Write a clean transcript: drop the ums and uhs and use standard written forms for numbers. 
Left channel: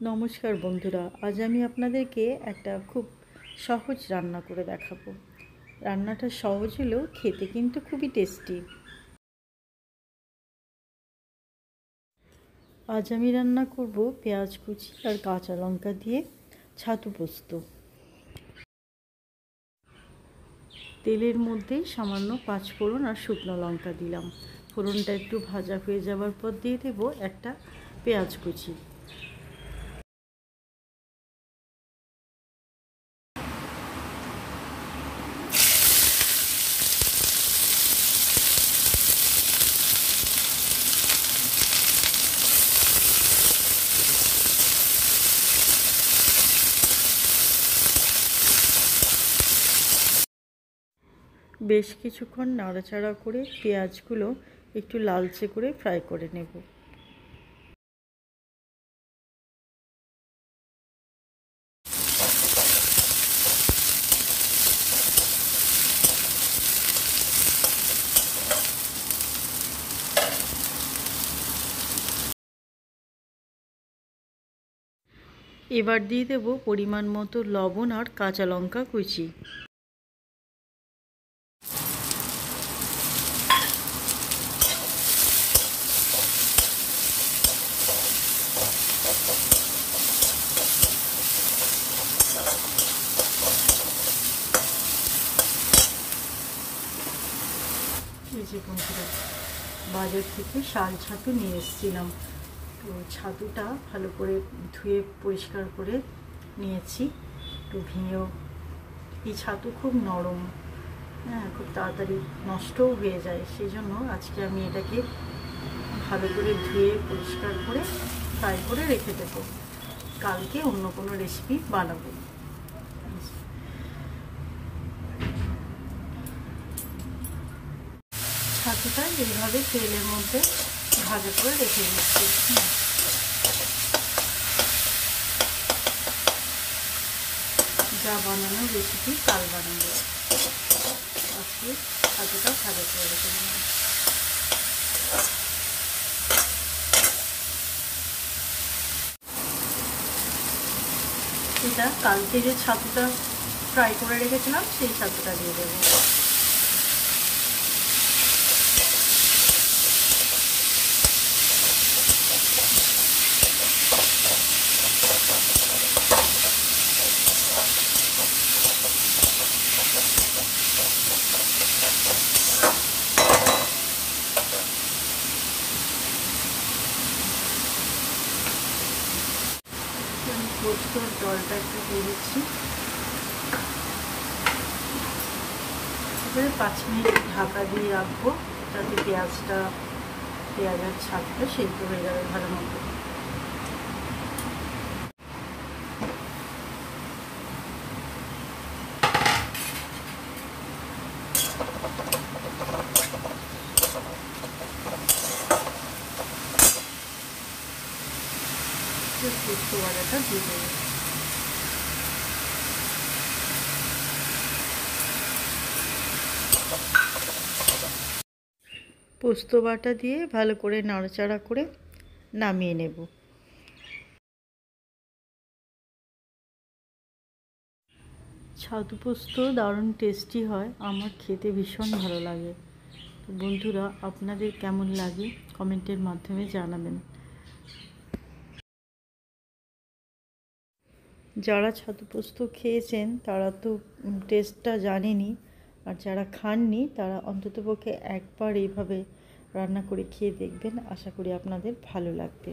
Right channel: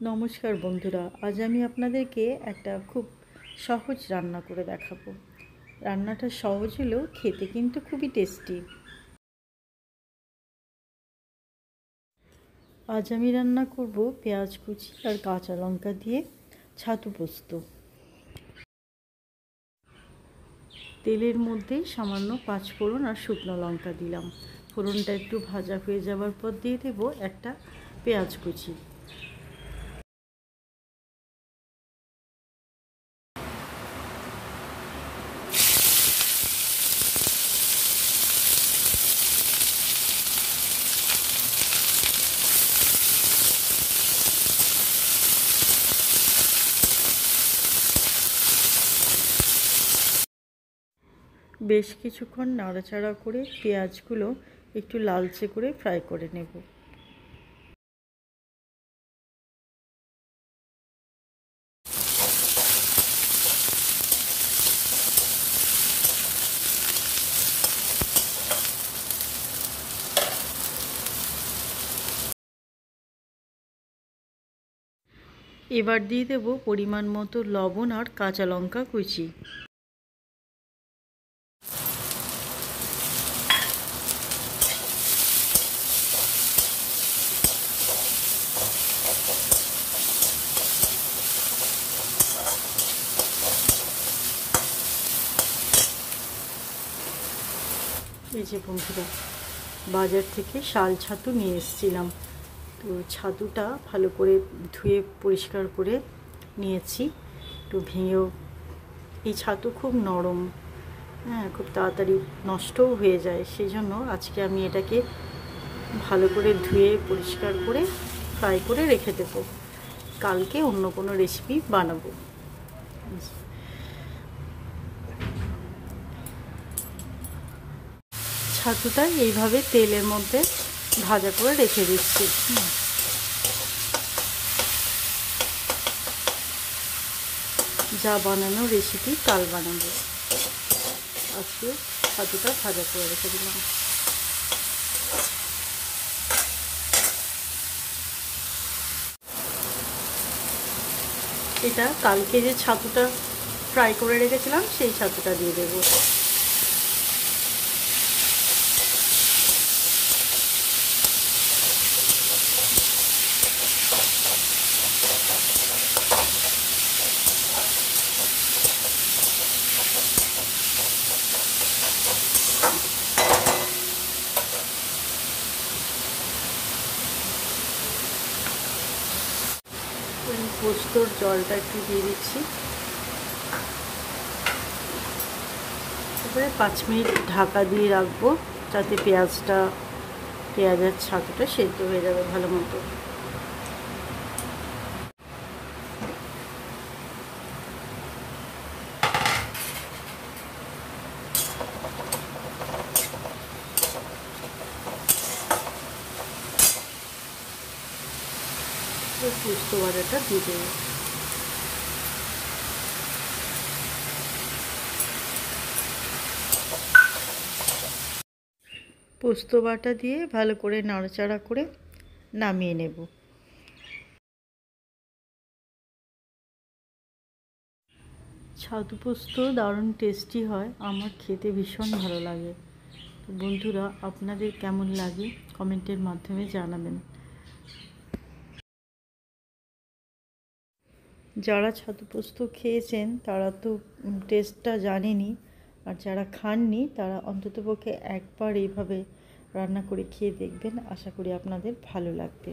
नमस्कार बंधुरा आज आमी आपनादेरके एकटा खूब सहज रान्ना करे देखाबो। रान्नाटा सहज हलेও खेते किन्तु खूबই टेस्टी। आज आमी रान्ना करब पेঁয়াজ कुचि और काँचा लंका दिए छातु पोस्तो। तेलेर मध्य सामान्य पाँचफोड़न और शुकनो लंका दिलाम। फोड़नटा एकटु भाजा हये जाওয়ার पर दिए देब एकटा पेঁয়াজ कुचि। বেশ কিছুক্ষণ নাড়াচাড়া করে পেঁয়াজগুলো একটু লালচে করে ফ্রাই করে নেব। এবার দিয়ে দেব পরিমাণ মতো লবণ আর কাঁচা লঙ্কা কুচি। এই যে বন্ধুরা বাজার থেকে শাল ছাতু নিয়ে এসেছিলাম, তো ছাতুটা ভালো করে ধুয়ে পরিষ্কার করে নিয়েছি। একটু ভেঙেও, এই ছাতু খুব নরম, হ্যাঁ খুব তাড়াতাড়ি নষ্টও হয়ে যায়, সেই জন্য আজকে আমি এটাকে ভালো করে ধুয়ে পরিষ্কার করে ফ্রাই করে রেখে দেবো, কালকে অন্য কোনো রেসিপি বানাবো। ছাতুটা এইভাবে তেলের মধ্যে ভাজা করে রেখে দিচ্ছি। যা বানানো রেসিপি কাল বানাবো, আজকে ছাতুটা ভাজা করে রেখে দিলাম। এটা কালকে যে ছাতুটা ফ্রাই করে রেখেছিলাম সেই ছাতুটা দিয়ে দেবো। পোস্তর জলটা একটু দিয়ে দিচ্ছি। এবারে 5 মিনিট ঢাকা দিয়ে রাখবো যাতে পেঁয়াজের ছাতুটা সেদ্ধ হয়ে যাবে ভালো মতো। পোস্ত বাটাটা দিয়ে দেবো। পোস্ত বাটা দিয়ে ভালো করে নাড়াচাড়া করে নামিয়ে নেব। ছাতু পোস্ত দারুণ টেস্টি হয়, আমার খেতে ভীষণ ভালো লাগে। তো বন্ধুরা আপনাদের কেমন লাগে কমেন্টের মাধ্যমে জানাবেন। যারা ছাতু পোস্ত খেয়েছেন তারা তো টেস্টটা জানেনই, আর যারা খাননি তারা অন্ততপক্ষে একবার এইভাবে রান্না করে খেয়ে দেখবেন, আশা করি আপনাদের ভালো লাগবে।